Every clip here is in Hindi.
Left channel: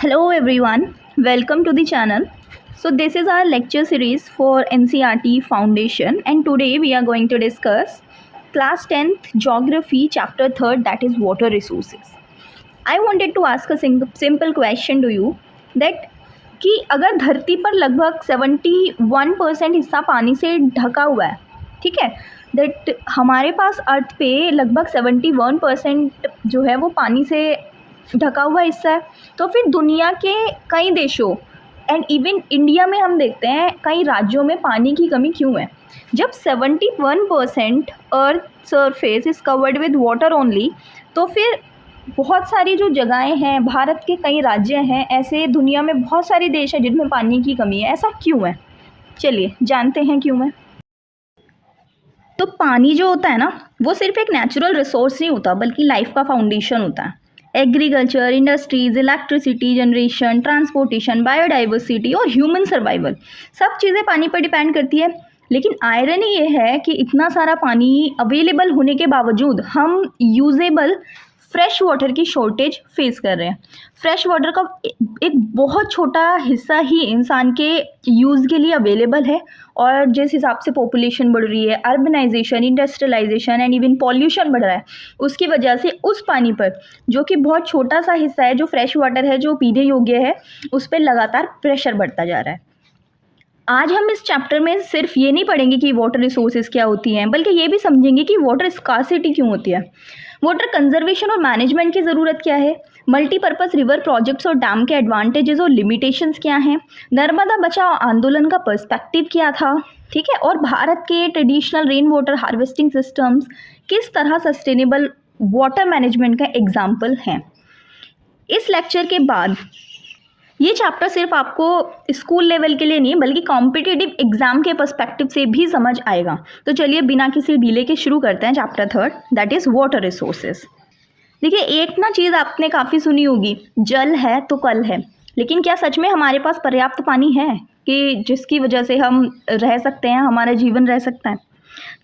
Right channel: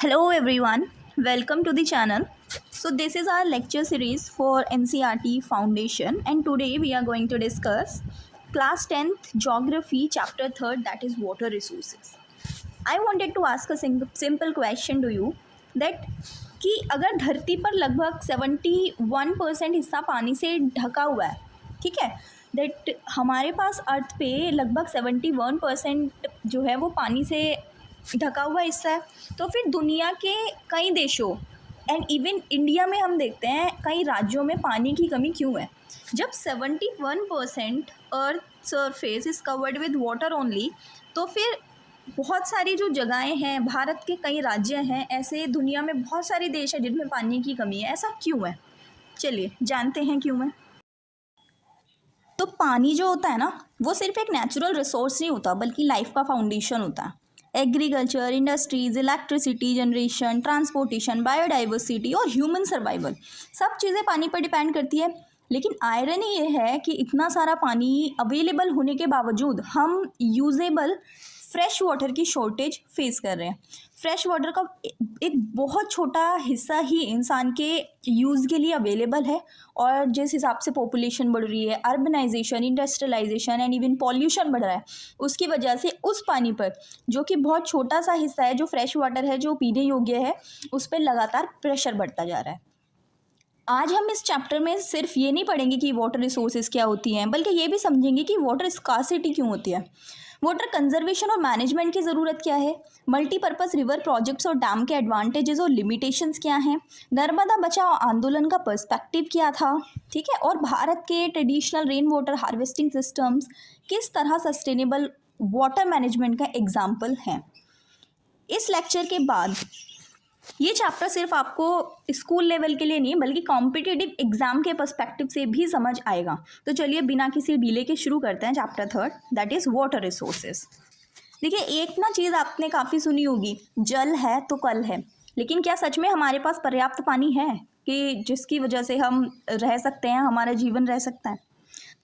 Hello everyone, welcome to the channel. So this is our lecture series for NCERT Foundation and today we are going to discuss class 10th geography chapter 3rd, that is water resources. I wanted to ask a simple question to you that कि अगर धरती पर लगभग 71% हिस्सा पानी से ढका हुआ है, ठीक है, दैट हमारे पास अर्थ पे लगभग 71% जो है वो पानी से ढका हुआ हिस्सा है, तो फिर दुनिया के कई देशों एंड इवन इंडिया में हम देखते हैं कई राज्यों में पानी की कमी क्यों है। जब 71% earth surface is covered with water only, तो फिर बहुत सारी जो जगहें हैं, भारत के कई राज्य हैं, ऐसे दुनिया में बहुत सारे देश हैं जिनमें पानी की कमी है। ऐसा क्यों है, चलिए जानते हैं क्यों है। तो पानी जो होता है ना, वो सिर्फ एक नेचुरल रिसोर्स नहीं होता बल्कि लाइफ का फाउंडेशन होता है। Agriculture, industries, electricity generation, transportation, biodiversity और ह्यूमन सर्वाइवल, सब चीज़ें पानी पर डिपेंड करती है। लेकिन आयरनी ये है कि इतना सारा पानी अवेलेबल होने के बावजूद हम यूजेबल फ्रेश वाटर की शॉर्टेज फेस कर रहे हैं। फ्रेश वाटर का एक बहुत छोटा हिस्सा ही इंसान के यूज़ के लिए अवेलेबल है, और जिस हिसाब से पॉपुलेशन बढ़ रही है, urbanisation, industrialisation and even pollution बढ़ रहा है, उसकी वजह से उस पानी पर जो कि बहुत छोटा सा हिस्सा है, जो फ्रेश वाटर है, जो पीने योग्य है, उस पर लगातार प्रेशर बढ़ता जा रहा है। आज हम इस चैप्टर में सिर्फ ये नहीं पढ़ेंगे कि वाटर रिसोर्सेज क्या होती हैं, बल्कि ये भी समझेंगे कि वाटर स्कार्सिटी क्यों होती है, वाटर कंजर्वेशन और मैनेजमेंट की ज़रूरत क्या है, मल्टीपर्पज़ रिवर प्रोजेक्ट्स और डैम के एडवांटेजेस और लिमिटेशंस क्या हैं, नर्मदा बचाओ आंदोलन का पर्सपेक्टिव क्या था, ठीक है, और भारत के traditional rain water harvesting systems किस तरह सस्टेनेबल वाटर मैनेजमेंट का एग्जाम्पल हैं। इस लेक्चर के बाद ये चैप्टर सिर्फ आपको स्कूल लेवल के लिए नहीं बल्कि कॉम्पिटिटिव एग्जाम के पर्सपेक्टिव से भी समझ आएगा। तो चलिए बिना किसी डिले के शुरू करते हैं chapter 3, that is water resources. देखिए, एक ना चीज़ आपने काफ़ी सुनी होगी, जल है तो कल है, लेकिन क्या सच में हमारे पास पर्याप्त पानी है कि जिसकी वजह से हम रह सकते हैं, हमारा जीवन रह सकता है।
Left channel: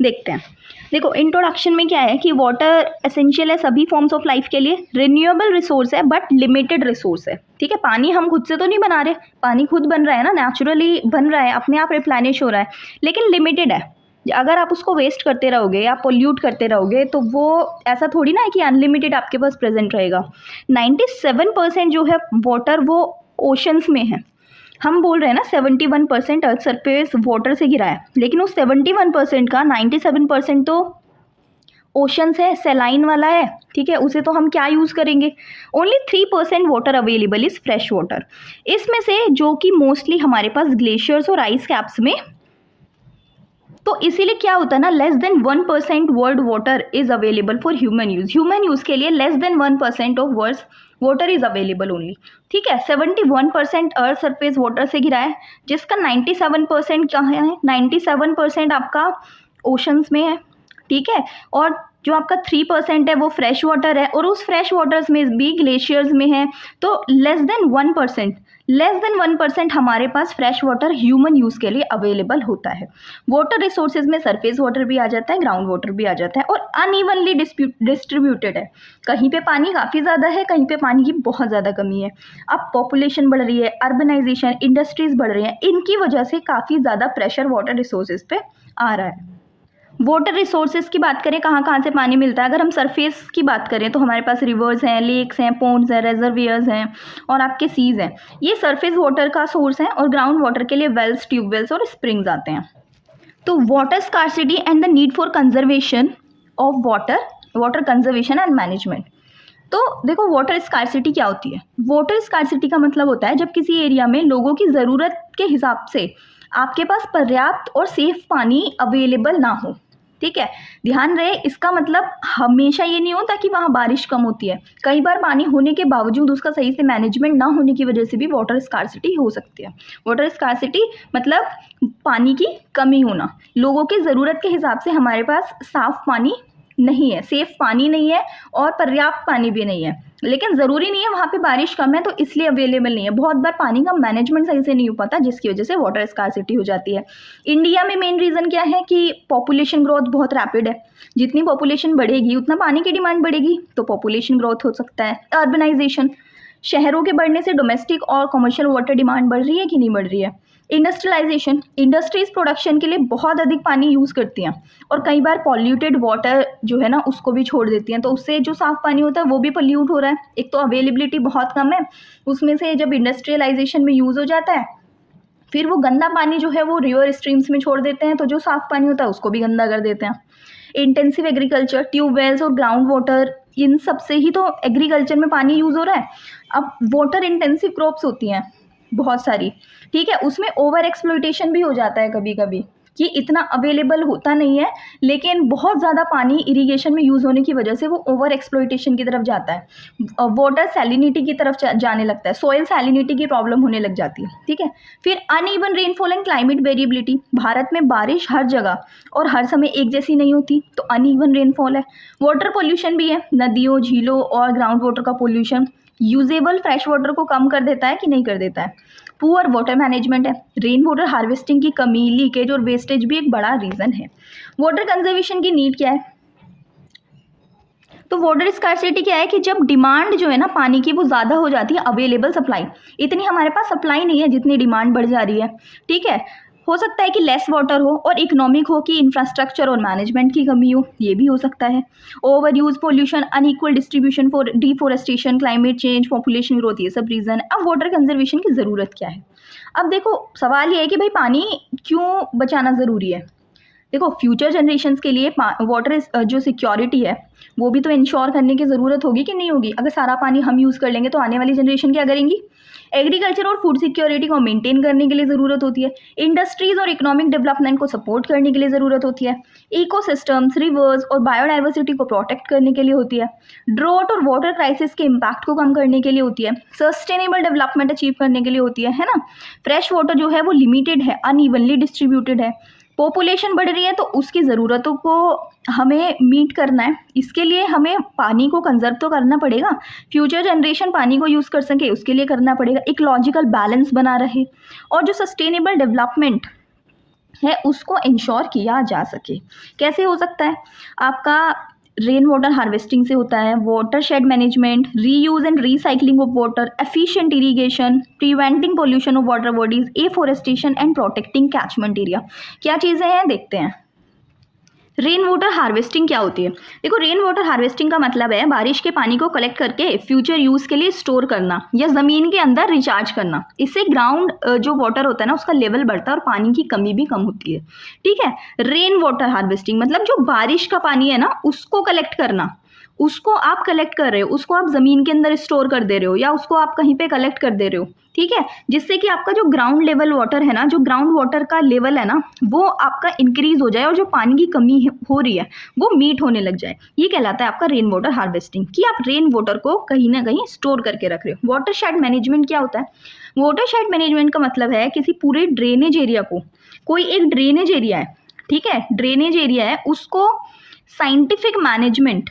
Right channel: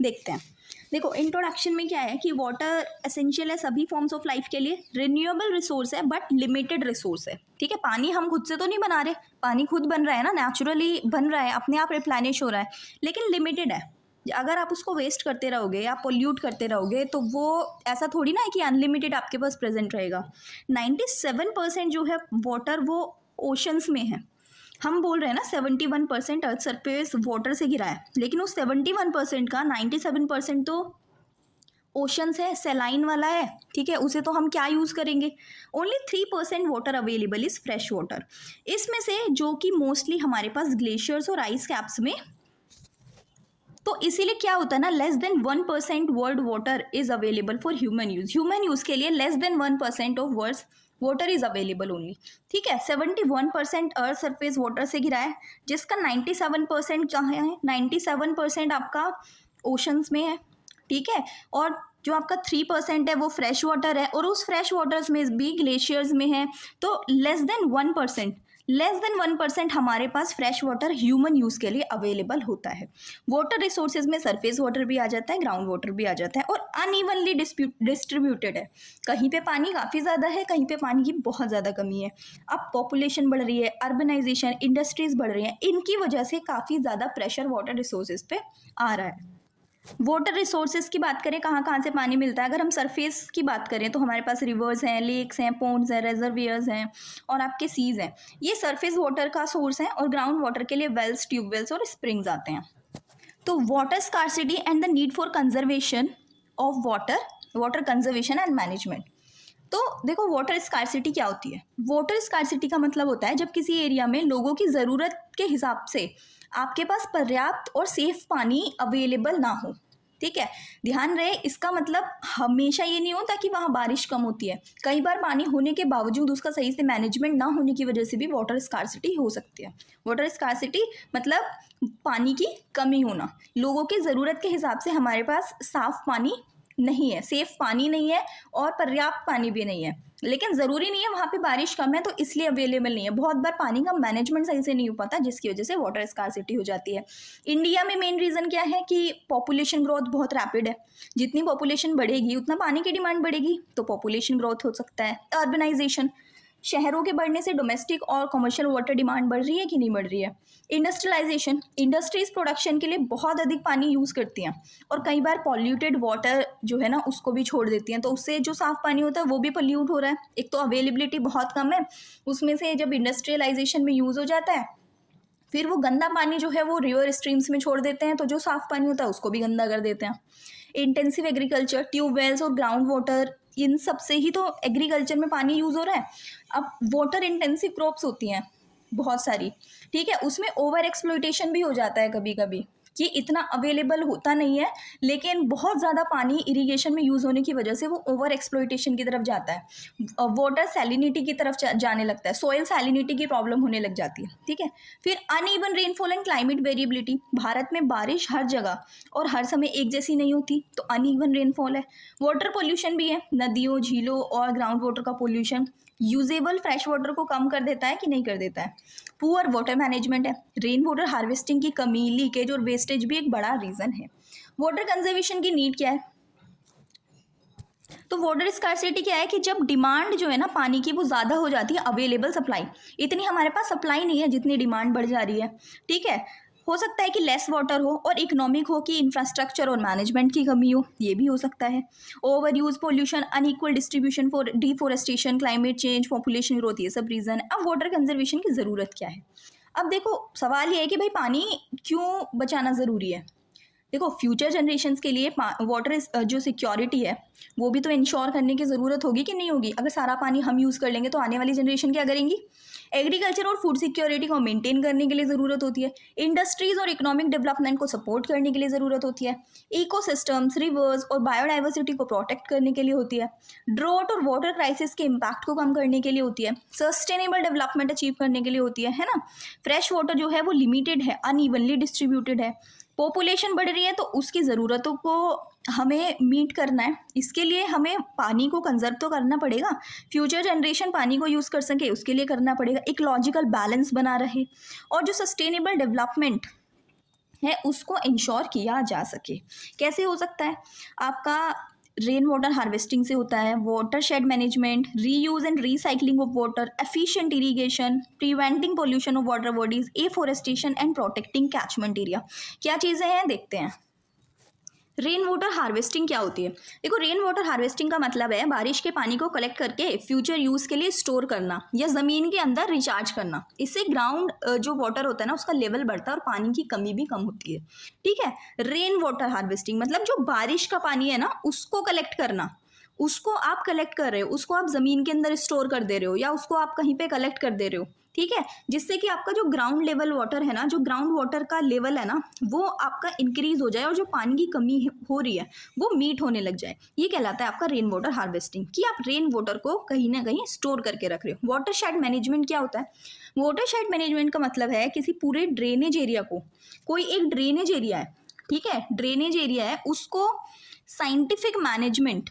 देखते हैं। देखो, इंट्रोडक्शन में क्या है कि वाटर एसेंशियल है सभी फॉर्म्स ऑफ लाइफ के लिए, रिन्यूएबल रिसोर्स है बट लिमिटेड रिसोर्स है, ठीक है। पानी हम खुद से तो नहीं बना रहे, पानी खुद बन रहा है ना, नेचुरली बन रहा है, अपने आप रिप्लेनिश हो रहा है, लेकिन लिमिटेड है। अगर आप उसको वेस्ट करते रहोगे या पोल्यूट करते रहोगे तो वो ऐसा थोड़ी ना है कि अनलिमिटेड आपके पास प्रेजेंट रहेगा। 97% जो है वाटर वो ओशंस में है। हम बोल रहे हैं ना 71% अर्थ सरफेस वाटर से गिरा है, लेकिन उस 71% का 97% तो ओशंस है, सेलाइन वाला है, ठीक है, उसे तो हम क्या यूज़ करेंगे। Only 3% water available is fresh water, इसमें से जो कि मोस्टली हमारे पास ग्लेशियर्स और आइस कैप्स में। तो इसीलिए क्या होता है ना, less than 1% world water is available for human use. Human use के लिए less than 1% of world water is available only, ठीक है। 71% अर्थ सरफेस वाटर से घिरा है, जिसका 97% कहाँ है, 97% आपका ओशंस में है, ठीक है, और जो आपका 3% है वो फ्रेश वाटर है, और उस फ्रेश वाटर्स में भी ग्लेशियर्स में है। तो लेस देन 1% हमारे पास फ्रेश वाटर ह्यूमन यूज़ के लिए अवेलेबल होता है। वाटर रिसोर्सेज में सरफेस वाटर भी आ जाता है, ग्राउंड वाटर भी आ जाता है, और अनइवनली डिस्ट्रीब्यूटेड है। कहीं पे पानी काफ़ी ज़्यादा है, कहीं पे पानी की बहुत ज़्यादा कमी है। अब पॉपुलेशन बढ़ रही है, अर्बनाइजेशन, इंडस्ट्रीज़ बढ़ रही हैं, इनकी वजह से काफ़ी ज़्यादा प्रेशर वाटर रिसोर्सेज पे आ रहा है। वाटर रिसोर्सेज की बात करें, कहाँ कहाँ से पानी मिलता है। अगर हम सरफेस की बात करें तो हमारे पास रिवर्स हैं, लेक्स हैं, पोन्ड्स हैं, रेजर्वियर्स हैं, और आपके सीज हैं। ये सरफेस वाटर का सोर्स है, और ग्राउंड वाटर के लिए वेल्स, ट्यूबवेल्स और स्प्रिंग्स आते हैं। तो water scarcity and the need for conservation of water conservation and management. तो देखो, वाटर स्कार्सिटी क्या होती है। वाटर स्कार्सिटी का मतलब होता है जब किसी एरिया में लोगों की ज़रूरत के हिसाब से आपके पास पर्याप्त और सेफ पानी अवेलेबल ना हो, ठीक है। ध्यान रहे, इसका मतलब हमेशा ये नहीं होता कि वहाँ बारिश कम होती है। कई बार पानी होने के बावजूद उसका सही से मैनेजमेंट ना होने की वजह से भी वाटर स्कार्सिटी हो सकती है। वाटर स्कार्सिटी मतलब पानी की कमी होना, लोगों की ज़रूरत के हिसाब से हमारे पास साफ़ पानी नहीं है, सेफ पानी नहीं है, और पर्याप्त पानी भी नहीं है। लेकिन ज़रूरी नहीं है वहाँ पे बारिश कम है तो इसलिए अवेलेबल नहीं है। बहुत बार पानी का मैनेजमेंट सही से नहीं हो पाता, जिसकी वजह से वाटर स्कार्सिटी हो जाती है। इंडिया में मेन रीज़न क्या है कि पॉपुलेशन ग्रोथ बहुत रैपिड है। जितनी पॉपुलेशन बढ़ेगी उतना पानी की डिमांड बढ़ेगी, तो पॉपुलेशन ग्रोथ हो सकता है। अर्बनाइजेशन, शहरों के बढ़ने से डोमेस्टिक और कमर्शियल वाटर डिमांड बढ़ रही है कि नहीं बढ़ रही है। इंडस्ट्रियलाइजेशन, इंडस्ट्रीज प्रोडक्शन के लिए बहुत अधिक पानी यूज़ करती हैं और कई बार पॉल्यूटेड वाटर जो है ना उसको भी छोड़ देती हैं, तो उससे जो साफ़ पानी होता है वो भी पॉल्यूट हो रहा है। एक तो अवेलेबिलिटी बहुत कम है, उसमें से जब इंडस्ट्रियलाइजेशन में यूज़ हो जाता है फिर वो गंदा पानी जो है वो रिवर स्ट्रीम्स में छोड़ देते हैं, तो जो साफ़ पानी होता है उसको भी गंदा कर देते हैं। इंटेंसिव एग्रीकल्चर, ट्यूबवेल्स और ग्राउंड वाटर, इन सब से ही तो एग्रीकल्चर में पानी यूज़ हो रहा है। अब वाटर इंटेंसिव क्रॉप्स होती हैं बहुत सारी, ठीक है, उसमें ओवर एक्सप्लॉइटेशन भी हो जाता है कभी कभी कि इतना अवेलेबल होता नहीं है, लेकिन बहुत ज़्यादा पानी इरिगेशन में यूज़ होने की वजह से वो ओवर एक्सप्लॉइटेशन की तरफ जाता है, वाटर सैलिनिटी की तरफ जाने लगता है, सॉइल सैलिनिटी की प्रॉब्लम होने लग जाती है, ठीक है। फिर uneven rainfall and climate variability, Bharat में बारिश हर जगह और हर समय एक जैसी नहीं होती, तो अनइवन रेनफॉल है। वाटर पोल्यूशन भी है, नदियों, झीलों और ग्राउंड वाटर का पोल्यूशन यूजेबल फ्रेश वाटर को कम कर देता है कि नहीं कर देता है। पुअर वाटर मैनेजमेंट है, रेन वाटर हार्वेस्टिंग की कमी, लीकेज और वेस्टेज भी एक बड़ा रीज़न है। वाटर कंजर्वेशन की नीड क्या है, तो वाटर स्कार्सिटी क्या है कि जब डिमांड जो है ना पानी की वो ज़्यादा हो जाती है, अवेलेबल सप्लाई, इतनी हमारे पास सप्लाई नहीं है जितनी डिमांड बढ़ जा रही है, ठीक है। हो सकता है कि लेस वाटर हो और इकोनॉमिक हो कि इंफ्रास्ट्रक्चर और मैनेजमेंट की कमी हो, ये भी हो सकता है। Over use, pollution, unequal distribution, for deforestation, climate change, population growth, ये सब रीज़न है। अब वाटर कंजर्वेशन की ज़रूरत क्या है। अब देखो सवाल ये है कि भाई पानी क्यों बचाना ज़रूरी है। देखो फ्यूचर जनरेशन्स के लिए वाटर जो सिक्योरिटी है वो भी तो इंश्योर करने की ज़रूरत होगी कि नहीं होगी। अगर सारा पानी हम यूज़ कर लेंगे तो आने वाली जनरेशन क्या करेंगी। एग्रीकल्चर और फूड सिक्योरिटी को मेंटेन करने के लिए ज़रूरत होती है, इंडस्ट्रीज़ और इकोनॉमिक डेवलपमेंट को सपोर्ट करने के लिए ज़रूरत होती है, इकोसिस्टम्स, रिवर्स और बायोडाइवर्सिटी को प्रोटेक्ट करने के लिए होती है, ड्रॉट और वाटर क्राइसिस के इम्पैक्ट को कम करने के लिए होती है, सस्टेनेबल डेवलपमेंट अचीव करने के लिए होती है ना। फ्रेश वाटर जो है वो लिमिटेड है, अनइवनली डिस्ट्रीब्यूटेड है, पॉपुलेशन बढ़ रही है तो उसकी ज़रूरतों को हमें मीट करना है, इसके लिए हमें पानी को कंजर्व तो करना पड़ेगा, फ्यूचर जनरेशन पानी को यूज़ कर सके उसके लिए करना पड़ेगा, एक लॉजिकल बैलेंस बना रहे और जो सस्टेनेबल डेवलपमेंट है उसको इंश्योर किया जा सके। कैसे हो सकता है, आपका रेन वाटर हार्वेस्टिंग से होता है, water shade management, reuse and recycling of water, efficient irrigation, preventing pollution of water bodies, afforestation and protecting catchment area. क्या चीज़ें हैं देखते हैं। रेन वाटर हार्वेस्टिंग क्या होती है। देखो रेन वाटर हार्वेस्टिंग का मतलब है बारिश के पानी को कलेक्ट करके फ्यूचर यूज़ के लिए स्टोर करना या ज़मीन के अंदर रिचार्ज करना। इससे ग्राउंड जो वाटर होता है ना उसका लेवल बढ़ता है और पानी की कमी भी कम होती है, ठीक है। रेन वाटर हार्वेस्टिंग मतलब जो बारिश का पानी है ना उसको कलेक्ट करना, उसको आप कलेक्ट कर रहे हो, उसको आप ज़मीन के अंदर स्टोर कर दे रहे हो या उसको आप कहीं पे कलेक्ट कर दे रहे हो, ठीक है, जिससे कि आपका जो ग्राउंड लेवल वाटर है ना, जो ग्राउंड वाटर का लेवल है ना वो आपका इंक्रीज हो जाए और जो पानी की कमी हो रही है वो मीट होने लग जाए। ये कहलाता है आपका रेन वाटर हार्वेस्टिंग, कि आप रेन वाटर को कहीं ना कहीं स्टोर करके रख रहे हो। वाटर शेड मैनेजमेंट क्या होता है। वाटर शेड मैनेजमेंट का मतलब है किसी पूरे ड्रेनेज एरिया को, कोई एक ड्रेनेज एरिया है, ठीक है, ड्रेनेज एरिया है, उसको साइंटिफिक मैनेजमेंट,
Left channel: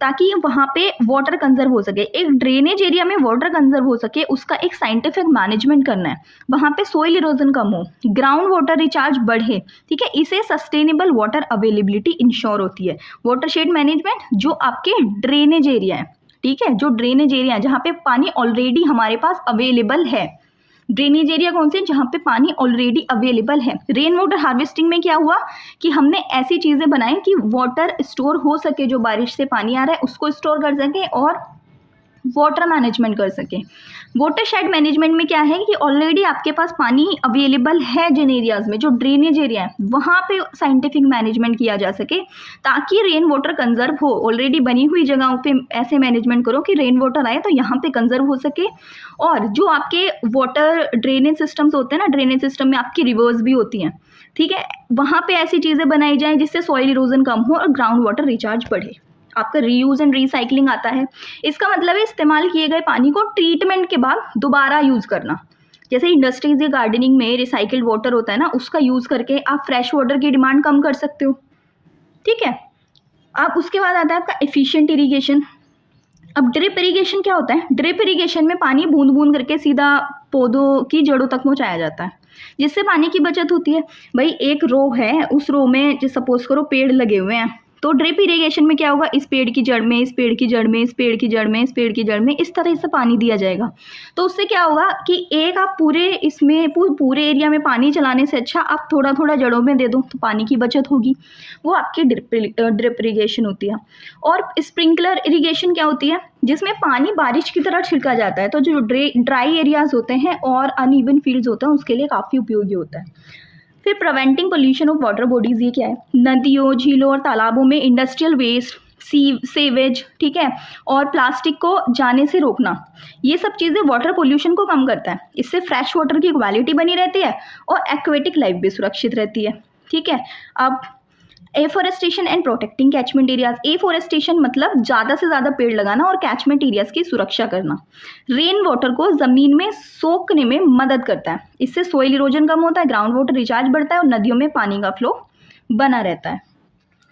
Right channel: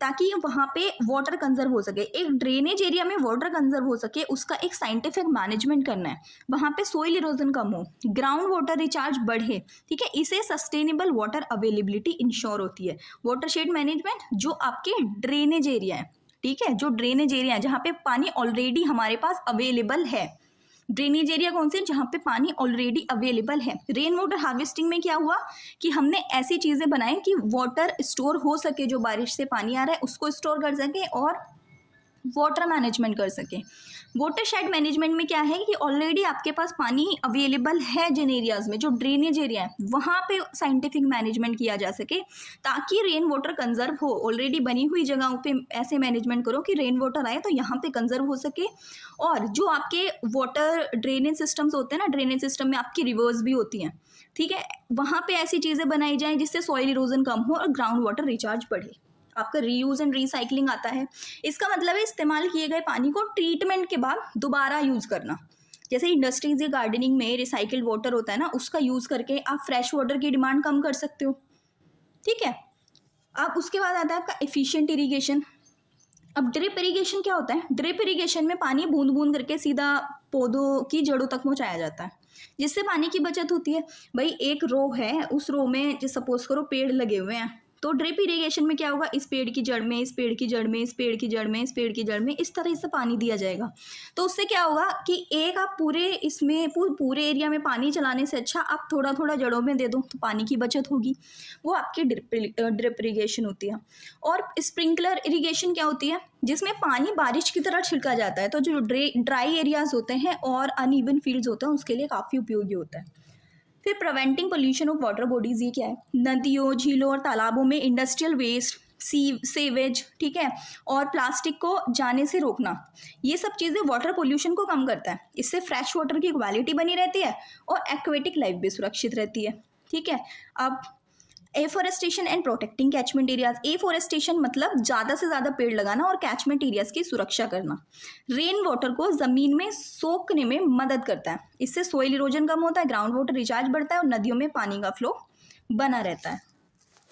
ताकि वहाँ पे वाटर कंजर्व हो सके। एक ड्रेनेज एरिया में वाटर कंजर्व हो सके उसका एक साइंटिफिक मैनेजमेंट करना है, वहाँ पे सोइल इरोजन कम हो, ग्राउंड वाटर रिचार्ज बढ़े, ठीक है, इसे सस्टेनेबल वाटर अवेलेबिलिटी इंश्योर होती है। वाटर शेड मैनेजमेंट जो आपके ड्रेनेज एरिया है, ठीक है, जो ड्रेनेज एरिया है जहाँ पे पानी ऑलरेडी हमारे पास अवेलेबल है। ड्रेनेज एरिया कौन से, जहाँ पे पानी ऑलरेडी अवेलेबल है। रेन वाटर हार्वेस्टिंग में क्या हुआ कि हमने ऐसी चीज़ें बनाई कि वाटर स्टोर हो सके, जो बारिश से पानी आ रहा है उसको स्टोर कर सके और वाटर मैनेजमेंट कर सके। वाटर शेड मैनेजमेंट में क्या है कि ऑलरेडी आपके पास पानी अवेलेबल है जिन एरियाज़ में, जो ड्रेनेज एरिया है वहाँ पे साइंटिफिक मैनेजमेंट किया जा सके ताकि रेन वाटर कंजर्व हो। ऑलरेडी बनी हुई जगहों पे ऐसे मैनेजमेंट करो कि रेन वाटर आए तो यहाँ पे कंजर्व हो सके। और जो आपके वाटर ड्रेनेज सिस्टम्स होते हैं ना, ड्रेनेज सिस्टम में आपकी रिवर्स भी होती हैं, ठीक है, वहाँ पे ऐसी चीज़ें बनाई जाएँ जिससे सॉइल इरोजन कम हो और ग्राउंड वाटर रिचार्ज बढ़े। आपका रीयूज एंड रीसाइक्लिंग आता है, इसका मतलब है इस्तेमाल किए गए पानी को ट्रीटमेंट के बाद दोबारा यूज़ करना। जैसे इंडस्ट्रीज या गार्डनिंग में रिसाइकिल्ड वाटर होता है ना, उसका यूज़ करके आप फ्रेश वाटर की डिमांड कम कर सकते हो, ठीक है। आप उसके बाद आता है आपका एफिशिएंट इरीगेशन। अब ड्रिप इरीगेशन क्या होता है। ड्रिप इरीगेशन में पानी बूंद बूंद करके सीधा पौधों की जड़ों तक पहुँचाया जाता है, जिससे पानी की बचत होती है। भाई एक रो है, उस रो में सपोज करो पेड़ लगे हुए हैं, तो ड्रिप इरिगेशन में क्या होगा, इस पेड़ की जड़ में, इस पेड़ की जड़ में, इस पेड़ की जड़ में, इस पेड़ की जड़ में, इस तरह से पानी दिया जाएगा। तो उससे क्या होगा कि एक आप पूरे इसमें पूरे एरिया में पानी चलाने से अच्छा आप थोड़ा थोड़ा जड़ों में दे दो तो पानी की बचत होगी। वो आपकी ड्रिप इरिगेशन होती है। और स्प्रिंकलर इरिगेशन क्या होती है, जिसमें पानी बारिश की तरह छिड़का जाता है। तो जो ड्राई एरियाज होते हैं और अनइवन फील्ड्स होते हैं उसके लिए काफ़ी उपयोगी होता है। फिर preventing pollution of water bodies, ये क्या है, नदियों, झीलों और तालाबों में इंडस्ट्रियल वेस्ट, सीवेज, ठीक है, और प्लास्टिक को जाने से रोकना, ये सब चीज़ें वाटर पोल्यूशन को कम करता है। इससे फ्रेश वाटर की क्वालिटी बनी रहती है और एक्वेटिक लाइफ भी सुरक्षित रहती है। ठीक है, अब afforestation and protecting catchment areas. Afforestation मतलब ज़्यादा से ज़्यादा पेड़ लगाना और कैचमेंट एरियाज की सुरक्षा करना। रेन वाटर को ज़मीन में सोखने में मदद करता है, इससे सोइल इरोजन कम होता है, ग्राउंड वाटर रिचार्ज बढ़ता है और नदियों में पानी का फ्लो बना रहता है।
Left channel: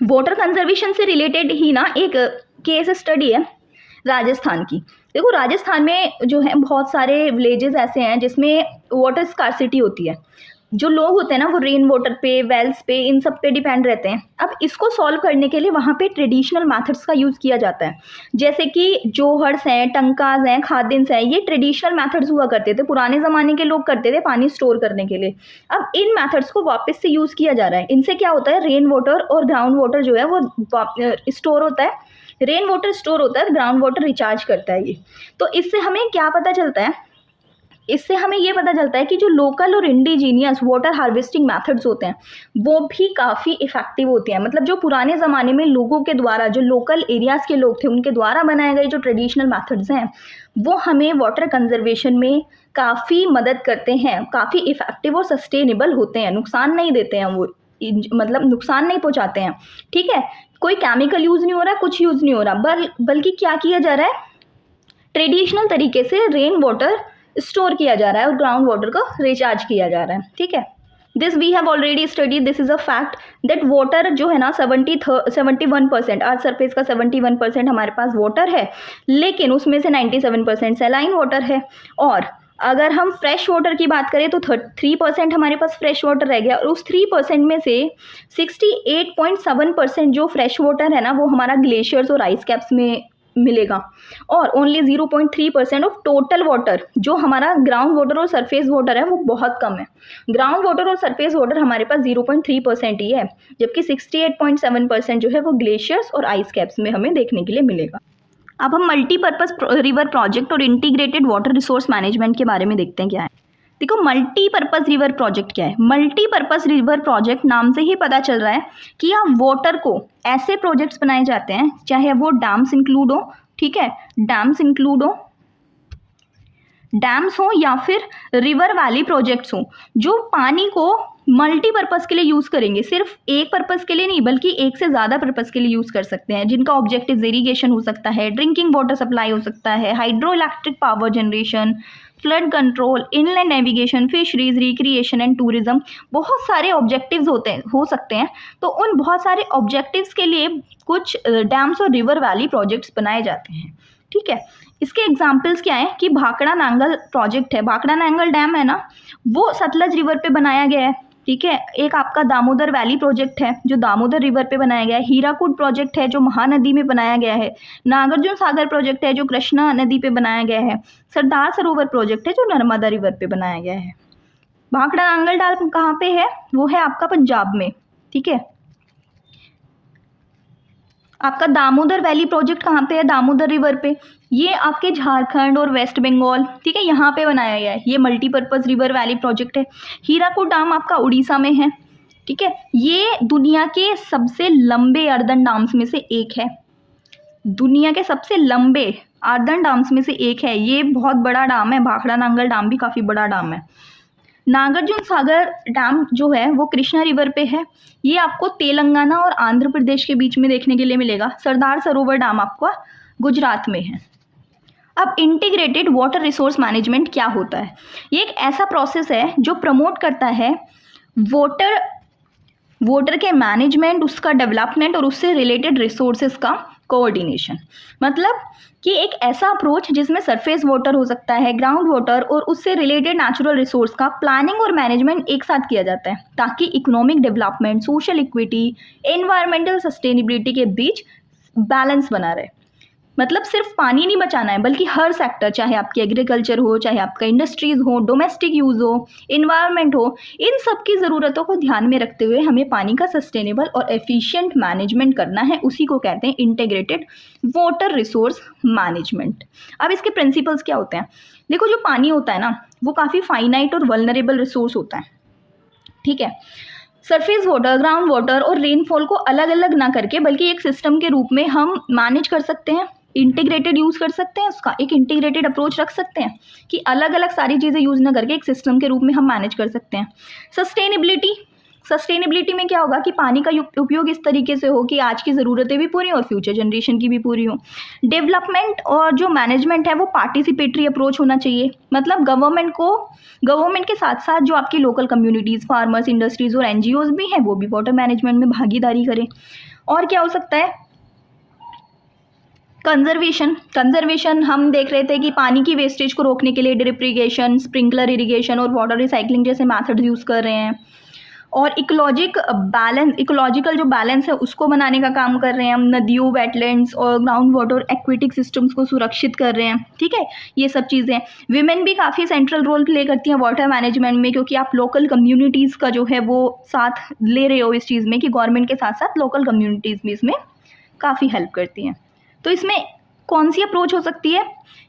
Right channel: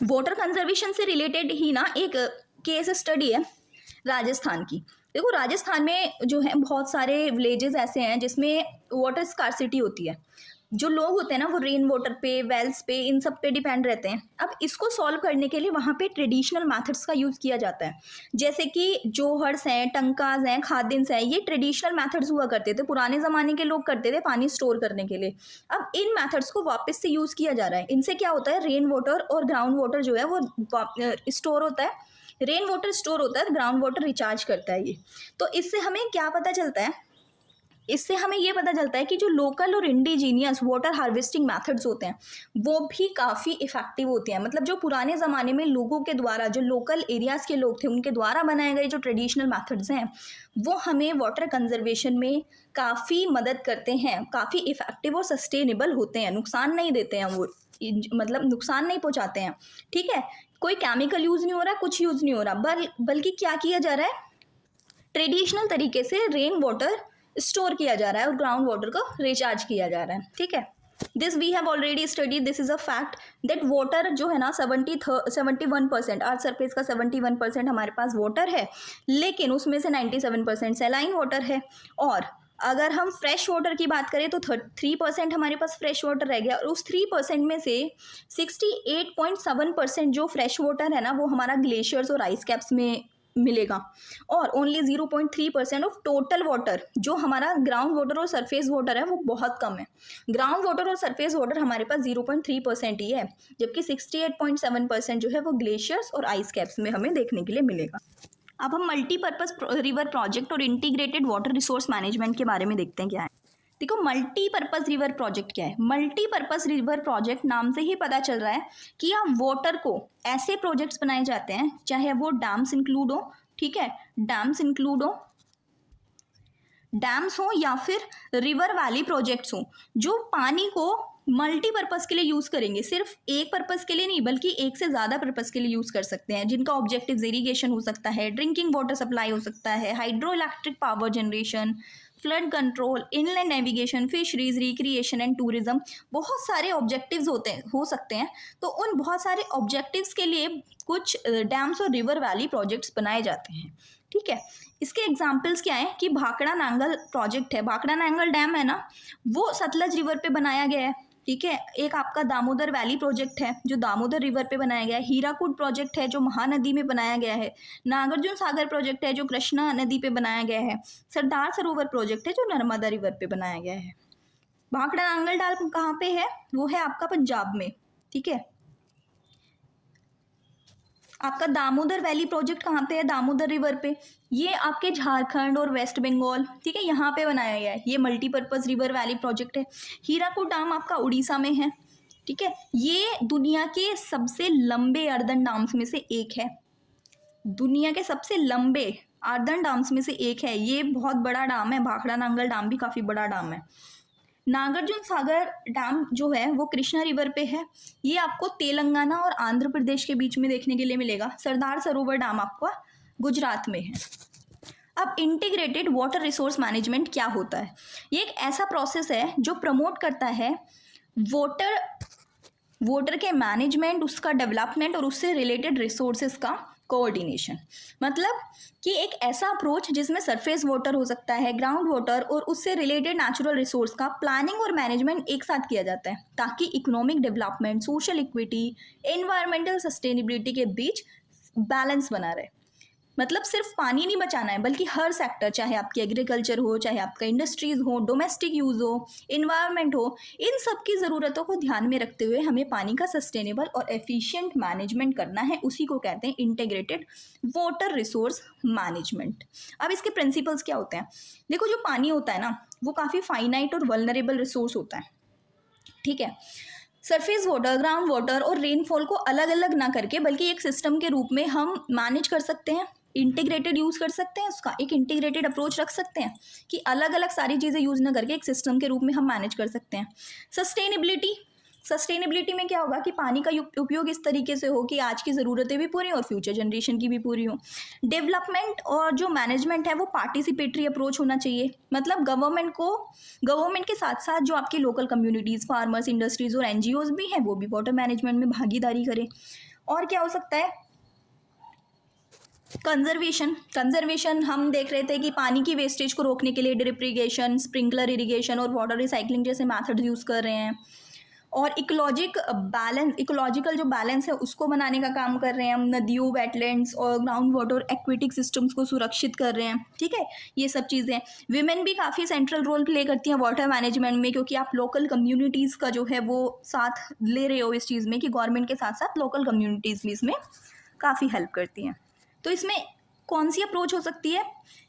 वाटर कंजर्वेशन से रिलेटेड ही ना एक केस स्टडी है राजस्थान की। देखो राजस्थान में जो है बहुत सारे विलेजेस ऐसे हैं जिसमें वाटर स्कार्सिटी होती है। जो लोग होते हैं ना वो रेन वाटर पे, वेल्स पे, इन सब पे डिपेंड रहते हैं। अब इसको सॉल्व करने के लिए वहाँ पे ट्रेडिशनल मेथड्स का यूज़ किया जाता है, जैसे कि जोहर्स हैं, टंकाज हैं, खादिन्स हैं। ये ट्रेडिशनल मेथड्स हुआ करते थे, पुराने ज़माने के लोग करते थे पानी स्टोर करने के लिए। अब इन मेथड्स को वापस से यूज़ किया जा रहा है। इनसे क्या होता है, रेन वाटर और ग्राउंड वाटर जो है वो स्टोर होता है, रेन वाटर स्टोर होता है, ग्राउंड वाटर रिचार्ज करता है ये। तो इससे हमें क्या पता चलता है, इससे हमें ये पता चलता है कि जो लोकल और इंडिजीनियस वाटर हार्वेस्टिंग मेथड्स होते हैं वो भी काफ़ी इफ़ेक्टिव होते हैं। मतलब जो पुराने ज़माने में लोगों के द्वारा, जो लोकल एरियाज़ के लोग थे उनके द्वारा बनाए गए जो ट्रेडिशनल मेथड्स हैं वो हमें वाटर कंजर्वेशन में काफ़ी मदद करते हैं, काफ़ी इफ़ेक्टिव और सस्टेनेबल होते हैं, नुकसान नहीं देते हैं वो, मतलब नुकसान नहीं पहुँचाते हैं। ठीक है, कोई केमिकल यूज़ नहीं हो रहा, कुछ यूज़ नहीं हो रहा, बल्कि क्या किया जा रहा है, ट्रेडिशनल तरीके से रेन वाटर स्टोर किया जा रहा है और ग्राउंड वाटर को रिचार्ज किया जा रहा है। ठीक है, this we have already study, this is a fact that water जो है ना 71%, अर्थ सरफेस का 71% हमारे पास वाटर है, लेकिन उसमें से 97% सैलाइन वाटर है। और अगर हम फ्रेश वाटर की बात करें तो 3% हमारे पास फ्रेश वाटर रह गया, और उस 3% में से 68.7% जो फ्रेश वाटर है ना वो हमारा ग्लेशियर्स और आइस कैप्स में मिलेगा। और ओनली 0.3% ऑफ टोटल वाटर जो हमारा ग्राउंड वाटर और सरफेस वाटर है वो बहुत कम है। ग्राउंड वाटर और सरफेस वाटर हमारे पास 0.3% ही है, जबकि 68.7% जो है वो ग्लेशियर्स और आइस कैप्स में हमें देखने के लिए मिलेगा। अब हम मल्टीपर्पज़ रिवर प्रोजेक्ट और इंटीग्रेटेड वाटर रिसोर्स मैनेजमेंट के बारे में देखते हैं क्या है। देखो मल्टीपर्पज़ रिवर प्रोजेक्ट क्या है। मल्टीपर्पज़ रिवर प्रोजेक्ट नाम से ही पता चल रहा है कि यहाँ वाटर को ऐसे प्रोजेक्ट्स बनाए जाते हैं, चाहे वो डैम्स इंक्लूड हो, ठीक है, डैम्स इंक्लूड हो, डैम्स हो या फिर रिवर वैली प्रोजेक्ट्स हो, जो पानी को मल्टीपर्पज़ के लिए यूज़ करेंगे। सिर्फ एक पर्पज़ के लिए नहीं बल्कि एक से ज़्यादा पर्पज़ के लिए यूज़ कर सकते हैं, जिनका ऑब्जेक्टिव इरीगेशन हो सकता है, ड्रिंकिंग वाटर सप्लाई हो सकता है, hydro electric power generation, flood control, inland navigation, fisheries, recreation and tourism. बहुत सारे ऑब्जेक्टिव्स हो सकते हैं। तो उन बहुत सारे ऑब्जेक्टिव्स के लिए कुछ डैम्स और रिवर वैली प्रोजेक्ट्स बनाए जाते हैं। ठीक है, इसके एग्जाम्पल्स क्या है कि भाखड़ा नांगल प्रोजेक्ट है, भाखड़ा नांगल डैम है ना वो सतलज रिवर पे बनाया गया है। ठीक है, एक आपका दामोदर वैली प्रोजेक्ट है जो दामोदर रिवर पे बनाया गया है, हीराकुड प्रोजेक्ट है जो महानदी में बनाया गया है, नागार्जुन सागर प्रोजेक्ट है जो कृष्णा नदी पे बनाया गया है, सरदार सरोवर प्रोजेक्ट है जो नर्मदा रिवर पे बनाया गया है। भाखड़ा नांगल डैम कहाँ पे है, वो है आपका पंजाब में। ठीक है, आपका दामोदर वैली प्रोजेक्ट कहाँ पे है, दामोदर रिवर पे, ये आपके झारखंड और वेस्ट बंगाल, ठीक है, यहाँ पे बनाया गया है। ये मल्टीपर्पज़ रिवर वैली प्रोजेक्ट है। हीराकुड डैम आपका उड़ीसा में है। ठीक है, ये दुनिया के सबसे लंबे अर्दन डैम्स में से एक है, दुनिया के सबसे लंबे अर्दन डैम्स में से एक है। ये बहुत बड़ा डैम है, भाखड़ा नांगल डैम भी काफ़ी बड़ा डैम है। नागार्जुन सागर डैम जो है वो कृष्णा रिवर पे है, ये आपको तेलंगाना और आंध्र प्रदेश के बीच में देखने के लिए मिलेगा। सरदार सरोवर डैम आपका गुजरात में है। अब इंटीग्रेटेड वाटर रिसोर्स मैनेजमेंट क्या होता है, ये एक ऐसा प्रोसेस है जो प्रमोट करता है वाटर के मैनेजमेंट, उसका डेवलपमेंट और उससे रिलेटेड रिसोर्सेज का कोऑर्डिनेशन, मतलब कि एक ऐसा अप्रोच जिसमें सरफेस वाटर हो सकता है, ग्राउंड वाटर और उससे रिलेटेड नेचुरल रिसोर्स का प्लानिंग और मैनेजमेंट एक साथ किया जाता है ताकि economic development, social equity, environmental sustainability के बीच बैलेंस बना रहे। मतलब सिर्फ पानी नहीं बचाना है बल्कि हर सेक्टर, चाहे आपकी एग्रीकल्चर हो, चाहे आपका इंडस्ट्रीज हो, डोमेस्टिक यूज़ हो, इन्वायरमेंट हो, इन सब की ज़रूरतों को ध्यान में रखते हुए हमें पानी का सस्टेनेबल और एफिशिएंट मैनेजमेंट करना है। उसी को कहते हैं इंटीग्रेटेड वाटर रिसोर्स मैनेजमेंट। अब इसके प्रिंसिपल्स क्या होते हैं? देखो, जो पानी होता है ना, वो काफ़ी फाइनाइट और वल्नरेबल रिसोर्स होता है, ठीक है। सरफेस वाटर, ग्राउंड वाटर और रेनफॉल को अलग अलग ना करके बल्कि एक सिस्टम के रूप में हम मैनेज कर सकते हैं, इंटीग्रेटेड यूज़ कर सकते हैं, उसका एक इंटीग्रेटेड अप्रोच रख सकते हैं कि अलग अलग सारी चीज़ें यूज़ ना करके एक सिस्टम के रूप में हम मैनेज कर सकते हैं। सस्टेनेबिलिटी में क्या होगा कि पानी का उपयोग इस तरीके से हो कि आज की ज़रूरतें भी पूरी और फ्यूचर जनरेशन की भी पूरी हो। डेवलपमेंट और जो मैनेजमेंट है वो पार्टिसिपेटरी अप्रोच होना चाहिए, मतलब गवर्नमेंट के साथ साथ जो आपकी लोकल कम्युनिटीज़, फार्मर्स, इंडस्ट्रीज़ और एनजीओज भी हैं वो भी वाटर मैनेजमेंट में भागीदारी करें। और क्या हो सकता है? कंजर्वेशन हम देख रहे थे कि पानी की वेस्टेज को रोकने के लिए ड्रिप इरिगेशन, स्प्रिंकलर इरिगेशन और वाटर रिसाइकलिंग जैसे मेथड्स यूज़ कर रहे हैं। और इकोलॉजिकल जो बैलेंस है उसको बनाने का काम कर रहे हैं हम, नदियों, वेटलैंड्स और ग्राउंड वाटर एक्विटिक सिस्टम्स को सुरक्षित कर रहे हैं, ठीक है। ये सब चीज़ें, विमेन भी काफ़ी सेंट्रल रोल प्ले करती हैं वाटर मैनेजमेंट में, क्योंकि आप लोकल कम्युनिटीज़ का जो है वो साथ ले रहे हो इस चीज़ में कि गवर्नमेंट के साथ साथ लोकल कम्युनिटीज़ भी इसमें काफ़ी हेल्प करती हैं। तो इसमें कौन सी अप्रोच हो सकती है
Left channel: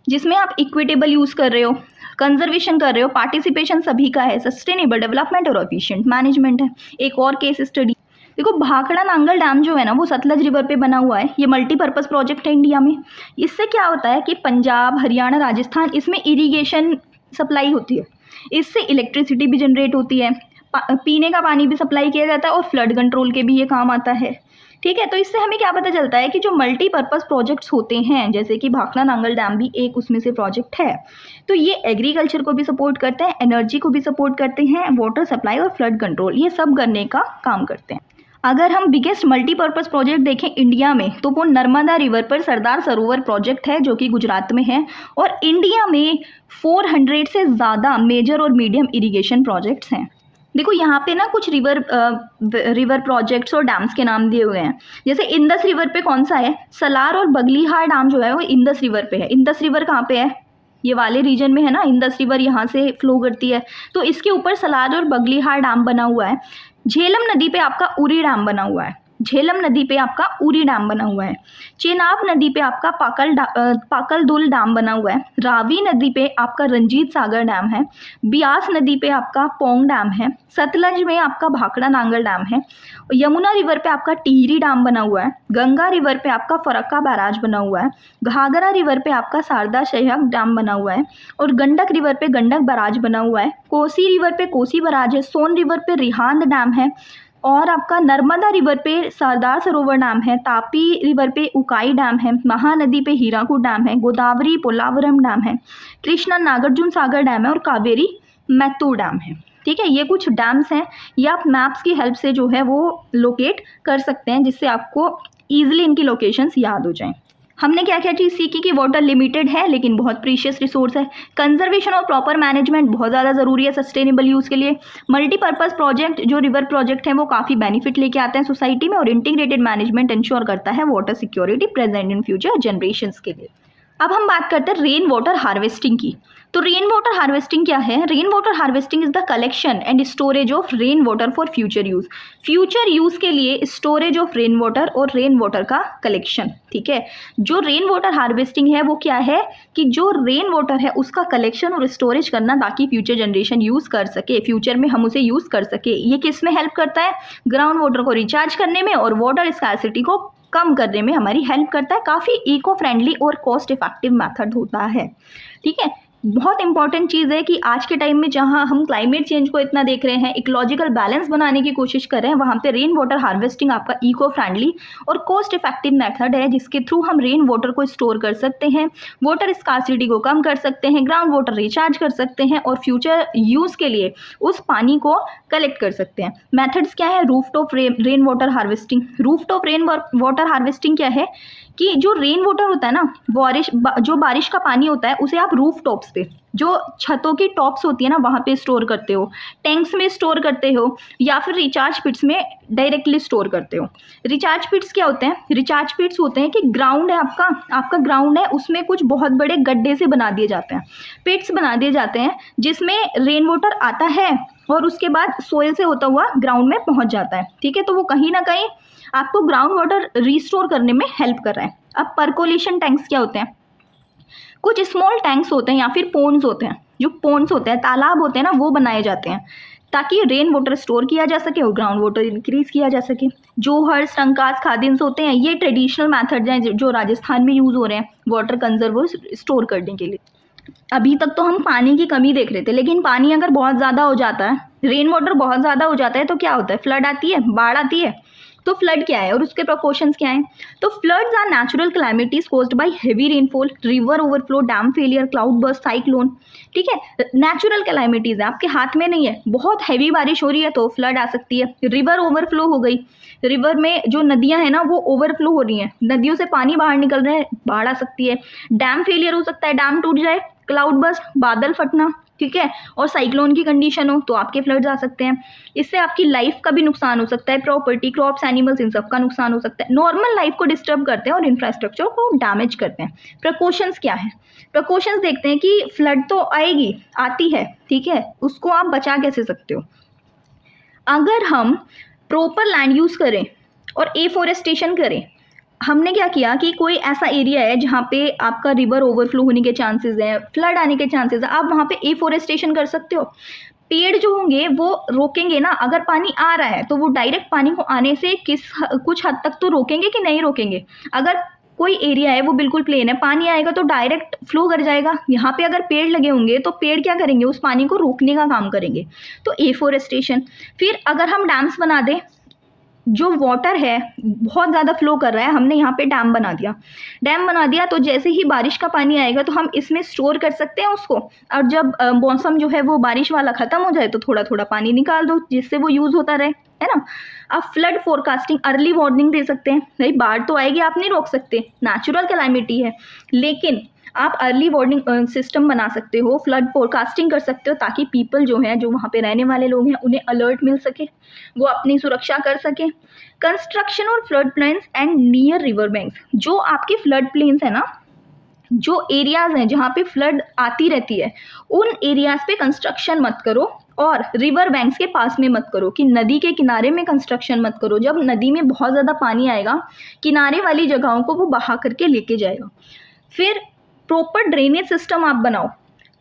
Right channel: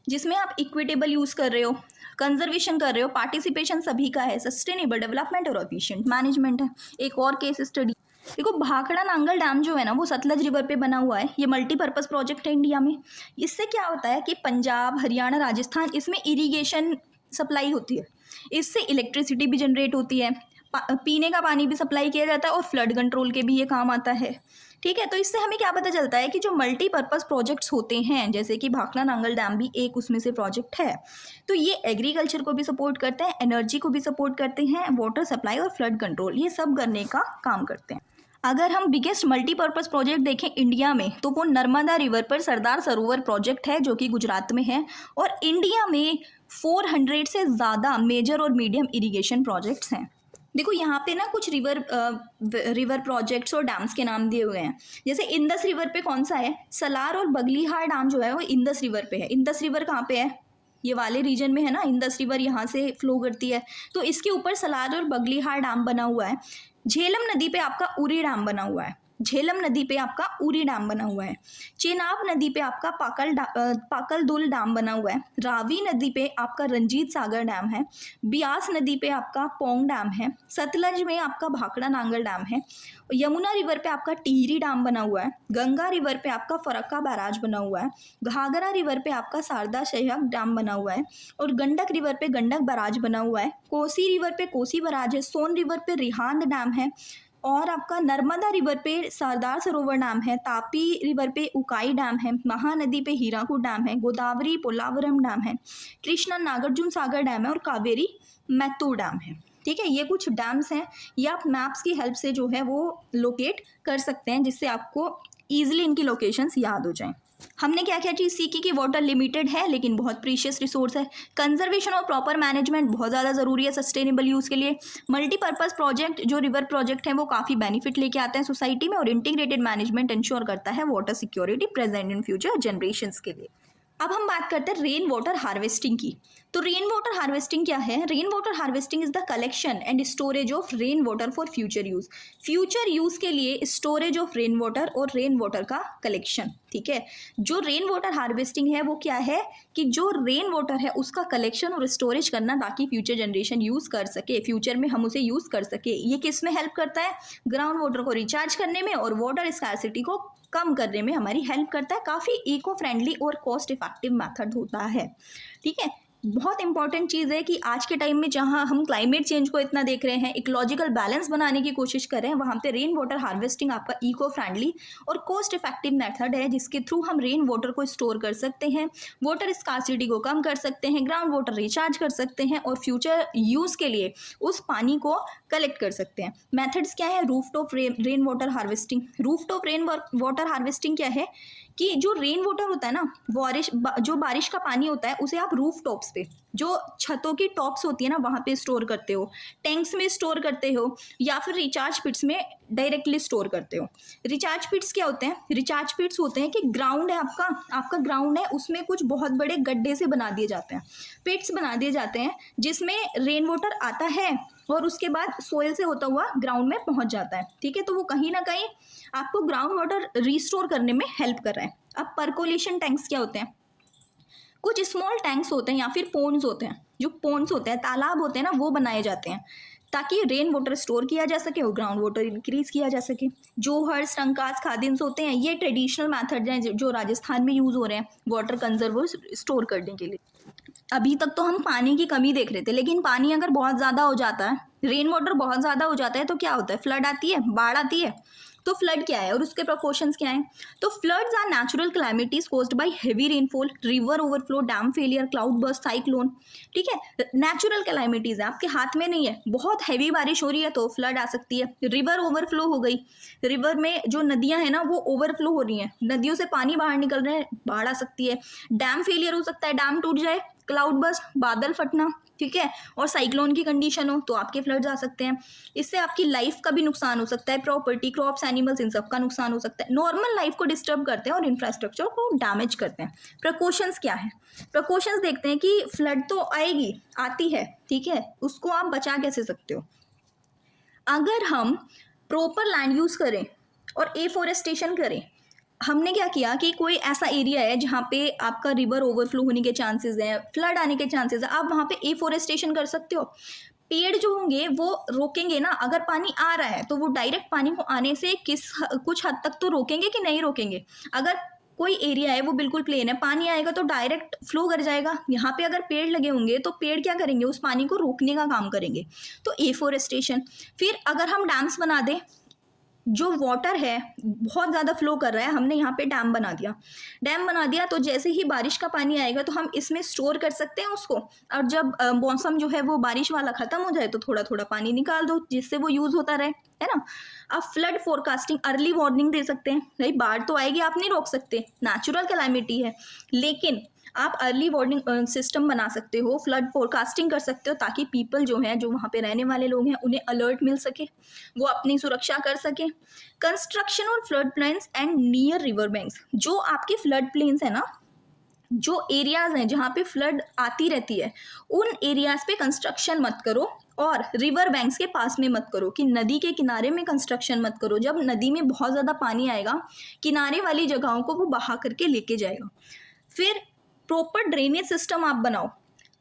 जिसमें आप इक्विटेबल यूज़ कर रहे हो, कंजर्वेशन कर रहे हो, पार्टिसिपेशन सभी का है, सस्टेनेबल डेवलपमेंट और एफिशिएंट मैनेजमेंट है। एक और केस स्टडी देखो, भाखड़ा नांगल डैम जो है ना वो सतलज रिवर पे बना हुआ है। ये मल्टीपर्पज़ प्रोजेक्ट है इंडिया में। इससे क्या होता है कि पंजाब, हरियाणा, राजस्थान, इसमें इरीगेशन सप्लाई होती है, इससे इलेक्ट्रिसिटी भी जनरेट होती है, पीने का पानी भी सप्लाई किया जाता है और फ्लड कंट्रोल के भी ये काम आता है, ठीक है। तो इससे हमें क्या पता चलता है कि जो मल्टीपर्पज़ प्रोजेक्ट्स होते हैं, जैसे कि भाखड़ा नांगल डैम भी एक उसमें से प्रोजेक्ट है, तो ये एग्रीकल्चर को भी सपोर्ट करते हैं, एनर्जी को भी सपोर्ट करते हैं, वाटर सप्लाई और फ्लड कंट्रोल ये सब करने का काम करते हैं। अगर हम बिगेस्ट मल्टीपर्पज़ प्रोजेक्ट देखें इंडिया में तो वो नर्मदा रिवर पर सरदार सरोवर प्रोजेक्ट है जो कि गुजरात में है। और इंडिया में 400 से ज़्यादा मेजर और मीडियम इरिगेशन प्रोजेक्ट्स हैं। देखो, यहाँ पे ना कुछ रिवर प्रोजेक्ट्स और डैम्स के नाम दिए हुए हैं। जैसे इंदस रिवर पे कौन सा है? सलार और बगलीहार डैम जो है वो इंदस रिवर पे है। इंदस रिवर कहाँ पे है? ये वाले रीजन में है ना, इंदस रिवर यहाँ से फ्लो करती है, तो इसके ऊपर सलार और बगलीहार डैम बना हुआ है। झेलम नदी पे आपका उरी डैम बना हुआ है। चेनाब नदी पे आपका पाकलदुल डैम बना हुआ है। रावी नदी पे आपका रंजीत सागर डैम है। ब्यास नदी पे आपका पोंग डैम है। सतलज में आपका भाखड़ा नांगल डैम है। यमुना रिवर पे आपका टिहरी डैम बना हुआ है। गंगा रिवर पे आपका फरक्का बैराज बना हुआ है। घाघरा रिवर पे आपका शारदा शहर डैम बना हुआ है। और गंडक रिवर पे गंडक बैराज बना हुआ है। कोसी रिवर पे कोसी बैराज है। सोन रिवर पे रिहांद डैम है। और आपका नर्मदा रिवर पे सरदार सरोवर डैम है। तापी रिवर पे उकाई डैम है। महानदी पे हीराकुद डैम है। गोदावरी पोलावरम डैम है। कृष्णा नागार्जुन सागर डैम है। और कावेरी मैत्तूर डैम है, ठीक है। ये कुछ डैम्स हैं, ये आप मैप्स की हेल्प से जो है वो लोकेट कर सकते हैं, जिससे आपको ईजिली इनकी लोकेशंस याद हो जाएं। हमने क्या क्या चीज़ सीखी कि वाटर लिमिटेड है लेकिन बहुत प्रीशियस रिसोर्स है। कंजर्वेशन और प्रॉपर मैनेजमेंट बहुत ज़्यादा ज़रूरी है सस्टेनेबल यूज़ के लिए। मल्टीपर्पज़ प्रोजेक्ट जो रिवर प्रोजेक्ट हैं वो काफ़ी बेनिफिट लेके आते हैं सोसाइटी में। और इंटीग्रेटेड मैनेजमेंट इंश्योर करता है water security present in future generations के लिए। अब हम बात करते हैं रेन वाटर हार्वेस्टिंग की। तो रेन वाटर हार्वेस्टिंग क्या है? Rain water harvesting is the collection and storage of rain water for future use के लिए स्टोरेज ऑफ रेन वाटर और रेन वाटर का कलेक्शन, ठीक है। जो रेन वाटर हार्वेस्टिंग है वो क्या है कि जो रेन वाटर है उसका कलेक्शन और स्टोरेज करना ताकि फ्यूचर जनरेशन यूज़ कर सके, फ्यूचर में हम उसे यूज़ कर सके। ये किस में हेल्प करता है? ग्राउंड वाटर को रिचार्ज करने में और वाटर स्कार्सिटी को कम करने में हमारी हेल्प करता है। काफ़ी इको फ्रेंडली और कॉस्ट इफेक्टिव मेथड होता है, ठीक है। बहुत इंपॉर्टेंट चीज़ है कि आज के टाइम में जहाँ हम क्लाइमेट चेंज को इतना देख रहे हैं, इकोलॉजिकल बैलेंस बनाने की कोशिश कर रहे हैं, वहाँ पे रेन वाटर हार्वेस्टिंग आपका इको फ्रेंडली और कॉस्ट इफेक्टिव मेथड है जिसके थ्रू हम रेन वाटर को स्टोर कर सकते हैं, वाटर स्कार्सिटी को कम कर सकते हैं, ग्राउंड वाटर रिचार्ज कर सकते हैं और फ्यूचर यूज़ के लिए उस पानी को कलेक्ट कर सकते हैं। मेथड्स क्या है? Rooftop rain water harvesting. Rooftop rain water harvesting क्या है कि जो रेन वाटर होता है ना, जो बारिश का पानी होता है उसे आप रूफ टॉप्स पे, जो छतों की टॉप्स होती है ना, वहाँ पे स्टोर करते हो, टैंक्स में स्टोर करते हो, या फिर रिचार्ज पिट्स में डायरेक्टली स्टोर करते हो। रिचार्ज पिट्स क्या होते हैं? रिचार्ज पिट्स होते हैं कि ग्राउंड है आपका ग्राउंड है, उसमें कुछ बहुत बड़े गड्ढे से बना दिए जाते हैं, पिट्स बना दिए जाते हैं, जिसमें रेन वाटर आता है और उसके बाद सोयल से होता हुआ ग्राउंड में पहुंच जाता है। ठीक है, तो वो कहीं ना कहीं आपको ग्राउंड वाटर रिस्टोर करने में हेल्प कर रहा है। अब परकोलेशन टैंक्स क्या होते हैं? कुछ स्मॉल टैंक्स होते हैं या फिर पोन्स होते हैं, जो पोन्स होते हैं, तालाब होते हैं ना, वो बनाए जाते हैं ताकि रेन वाटर स्टोर किया जा सके और ग्राउंड वाटर इंक्रीज किया जा सके। जोहर्स, टंकास, खादिन्स होते हैं, ये ट्रेडिशनल मैथड हैं जो राजस्थान में यूज़ हो रहे हैं वाटर कंजर्व स्टोर करने के लिए। अभी तक तो हम पानी की कमी देख रहे थे, लेकिन पानी अगर बहुत ज़्यादा हो जाता है, रेन वाटर बहुत ज़्यादा हो जाता है, तो क्या होता है? फ्लड आती है, बाढ़ आती है। तो फ्लड क्या है और उसके प्रिकॉशंस क्या हैं? तो floods are natural calamities caused by heavy rainfall, river overflow, dam failure, cloudburst, cyclone. ठीक है, नेचुरल कैलामिटीज है, आपके हाथ में नहीं है। बहुत हैवी बारिश हो रही है तो फ्लड आ सकती है। रिवर ओवरफ्लो हो गई, रिवर में जो नदियां हैं ना वो ओवरफ्लो हो रही हैं, नदियों से पानी बाहर निकल रहा है, बाढ़ आ सकती है। डैम फेलियर हो सकता है, डैम टूट जाए। क्लाउड बर्स्ट, बादल फटना। ठीक है, और साइक्लोन की कंडीशन हो तो आपके फ्लड्स आ सकते हैं। इससे आपकी लाइफ का भी नुकसान हो सकता है, प्रॉपर्टी, क्रॉप्स, एनिमल्स, इन सब का नुकसान हो सकता है। नॉर्मल लाइफ को डिस्टर्ब करते हैं और इंफ्रास्ट्रक्चर को डैमेज करते हैं। प्रिकॉशंस क्या है? प्रिकॉशंस देखते हैं कि फ्लड तो आएगी, आती है, ठीक है, उसको आप बचा कैसे सकते हो? अगर हम प्रॉपर लैंड यूज़ करें और एफोरेस्टेशन करें, हमने क्या किया कि कोई ऐसा एरिया है जहाँ पे आपका रिवर ओवरफ्लो होने के चांसेस हैं, फ्लड आने के चांसेस हैं, आप वहाँ पे एफोरेस्टेशन कर सकते हो। पेड़ जो होंगे वो रोकेंगे ना, अगर पानी आ रहा है तो वो डायरेक्ट पानी को आने से कुछ हद तक तो रोकेंगे कि नहीं रोकेंगे। अगर कोई एरिया है वो बिल्कुल प्लेन है, पानी आएगा तो डायरेक्ट फ्लो कर जाएगा। यहाँ पे अगर पेड़ लगे होंगे तो पेड़ क्या करेंगे? उस पानी को रोकने का काम करेंगे, तो एफोरेस्टेशन। फिर अगर हम डैम्स बना दें, जो वाटर है बहुत ज़्यादा फ्लो कर रहा है, हमने यहाँ पे डैम बना दिया तो जैसे ही बारिश का पानी आएगा तो हम इसमें स्टोर कर सकते हैं उसको। और जब मौसम जो है वो बारिश वाला ख़त्म हो जाए तो थोड़ा थोड़ा पानी निकाल दो जिससे वो यूज़ होता रहे, है ना। अब फ्लड फोरकास्टिंग, अर्ली वार्निंग दे सकते हैं। भाई बाढ़ तो आएगी, आप नहीं रोक सकते, नेचुरल कैलामिटी है, लेकिन आप अर्ली वार्निंग सिस्टम बना सकते हो, फ्लड फोरकास्टिंग कर सकते हो, ताकि पीपल जो हैं, जो वहाँ पे रहने वाले लोग हैं, उन्हें अलर्ट मिल सके, वो अपनी सुरक्षा कर सके। कंस्ट्रक्शन और flood plains and near river banks, जो आपके फ्लड प्लेन्स है ना, जो एरियाज हैं जहाँ पे फ्लड आती रहती है, उन एरियाज पे कंस्ट्रक्शन मत करो, और रिवर बैंक्स के पास में मत करो, कि नदी के किनारे में कंस्ट्रक्शन मत करो। जब नदी में बहुत ज़्यादा पानी आएगा, किनारे वाली जगहों को वो बहा करके लेके जाएगा। फिर प्रॉपर ड्रेनेज सिस्टम आप बनाओ।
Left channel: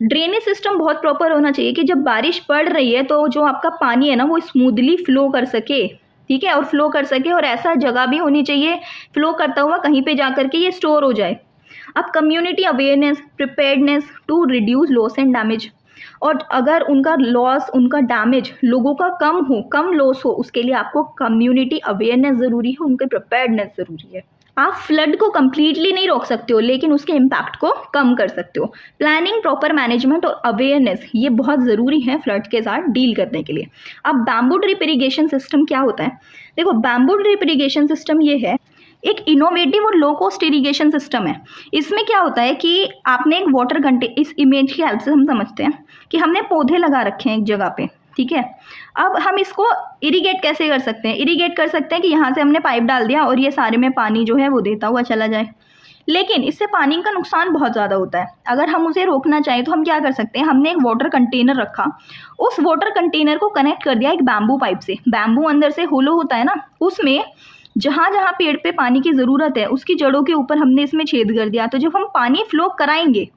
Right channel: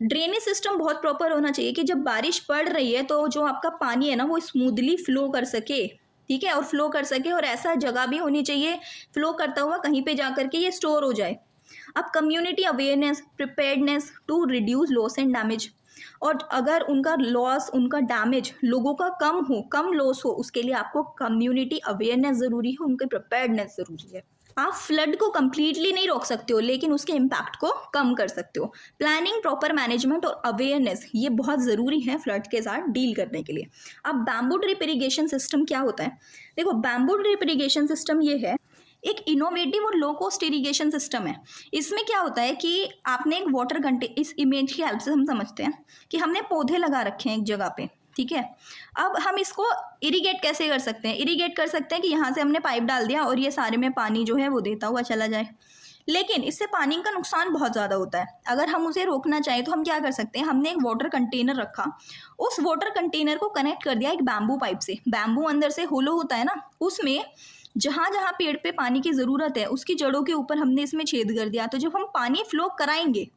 ड्रेनेज सिस्टम बहुत प्रॉपर होना चाहिए कि जब बारिश पड़ रही है तो जो आपका पानी है ना वो स्मूथली फ्लो कर सके, ठीक है, और फ्लो कर सके, और ऐसा जगह भी होनी चाहिए फ्लो करता हुआ कहीं पे जा करके ये स्टोर हो जाए। अब community awareness, preparedness to reduce loss and damage, और अगर उनका लॉस, उनका डैमेज लोगों का कम लॉस हो, उसके लिए आपको कम्युनिटी अवेयरनेस ज़रूरी है, उनके प्रिपेयर्डनेस ज़रूरी है। आप फ्लड को कम्प्लीटली नहीं रोक सकते हो, लेकिन उसके इम्पैक्ट को कम कर सकते हो। प्लानिंग, प्रॉपर मैनेजमेंट और अवेयरनेस ये बहुत ज़रूरी है फ्लड के साथ डील करने के लिए। अब बैम्बू ड्रिप इरिगेशन सिस्टम क्या होता है? देखो, बैम्बू ड्रिप इरिगेशन सिस्टम ये है, एक इनोवेटिव और लो कॉस्ट इरिगेशन सिस्टम है। इसमें क्या होता है कि आपने एक वाटर इस इमेज की हेल्प से हम समझते हैं कि हमने पौधे लगा रखे हैं एक जगह पे, ठीक है। अब हम इसको इरिगेट कैसे कर सकते हैं? इरिगेट कर सकते हैं कि यहाँ से हमने पाइप डाल दिया और ये सारे में पानी जो है वो देता हुआ चला जाए, लेकिन इससे पानी का नुकसान बहुत ज़्यादा होता है। अगर हम उसे रोकना चाहें तो हम क्या कर सकते हैं? हमने एक वाटर कंटेनर रखा, उस वाटर कंटेनर को कनेक्ट कर दिया एक बैम्बू पाइप से। बैम्बू अंदर से होलो होता है ना, उसमें जहाँ जहाँ पेड़ पे पानी की ज़रूरत है उसकी जड़ों के ऊपर हमने इसमें छेद कर दिया, तो जब हम पानी फ्लो कराएंगे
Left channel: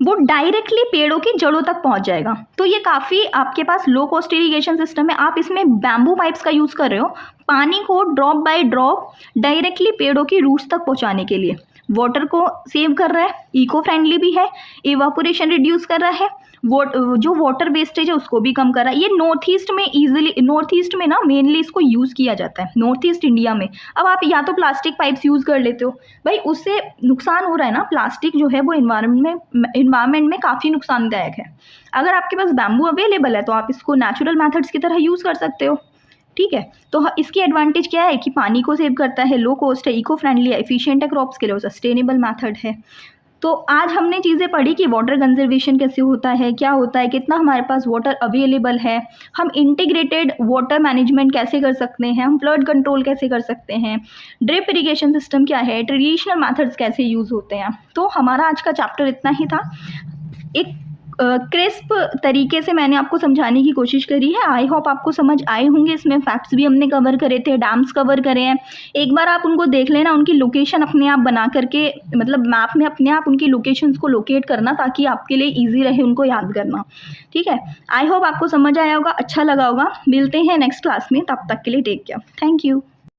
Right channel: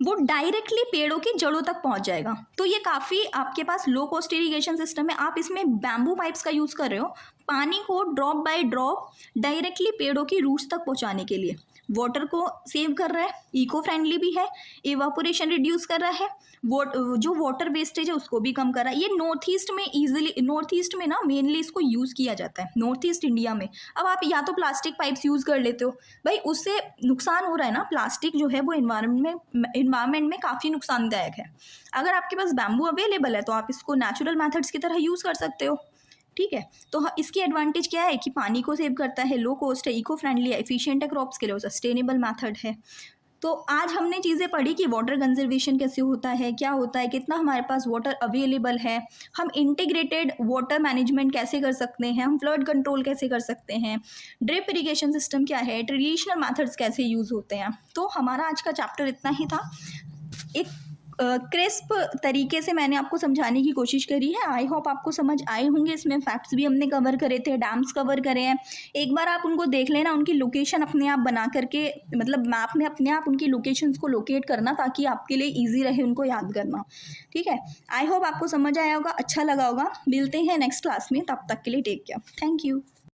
वो डायरेक्टली पेड़ों की जड़ों तक पहुंच जाएगा। तो ये काफ़ी आपके पास लो कॉस्ट इरिगेशन सिस्टम है। आप इसमें बैम्बू पाइप्स का यूज़ कर रहे हो पानी को ड्रॉप बाय ड्रॉप डायरेक्टली पेड़ों की रूट्स तक पहुंचाने के लिए। वाटर को सेव कर रहा है, इको फ्रेंडली भी है, इवापोरेशन रिड्यूस कर रहा है, जो वाटर वेस्टेज है उसको भी कम कर रहा है। ये नॉर्थ ईस्ट में ना मेनली इसको यूज़ किया जाता है, नॉर्थ ईस्ट इंडिया में। अब आप या तो प्लास्टिक पाइप्स यूज़ कर लेते हो, भाई उससे नुकसान हो रहा है ना, प्लास्टिक जो है वो इन्वायरमेंट में काफ़ी नुकसानदायक है। अगर आपके पास बैम्बू अवेलेबल है तो आप इसको नेचुरल मैथड्स की तरह यूज़ कर सकते हो, ठीक है। तो इसकी एडवांटेज क्या है कि पानी को सेव करता है, लो कॉस्ट है, इको फ्रेंडली है, एफिशिएंट है क्रॉप्स के लिए, सस्टेनेबल मेथड है। तो आज हमने चीज़ें पढ़ी कि वाटर कंजर्वेशन कैसे होता है, क्या होता है, कितना हमारे पास वाटर अवेलेबल है, हम इंटीग्रेटेड वाटर मैनेजमेंट कैसे कर सकते हैं, हम फ्लड कंट्रोल कैसे कर सकते हैं, ड्रिप इरिगेशन सिस्टम क्या है, ट्रेडिशनल मेथड्स कैसे यूज़ होते हैं। तो हमारा आज का चैप्टर इतना ही था। एक क्रिस्प तरीके से मैंने आपको समझाने की कोशिश करी है। आई होप आपको समझ आए होंगे। इसमें फैक्ट्स भी हमने कवर करे थे, डैम्स कवर करे हैं। एक बार आप उनको देख लेना, उनकी लोकेशन अपने आप बना करके, मतलब मैप में अपने आप उनकी लोकेशंस को लोकेट करना, ताकि आपके लिए ईजी रहे उनको याद करना। ठीक है, आई होप आपको समझ आया होगा, अच्छा लगा होगा। मिलते हैं नेक्स्ट क्लास में, तब तक के लिए टेक केयर, थैंक यू।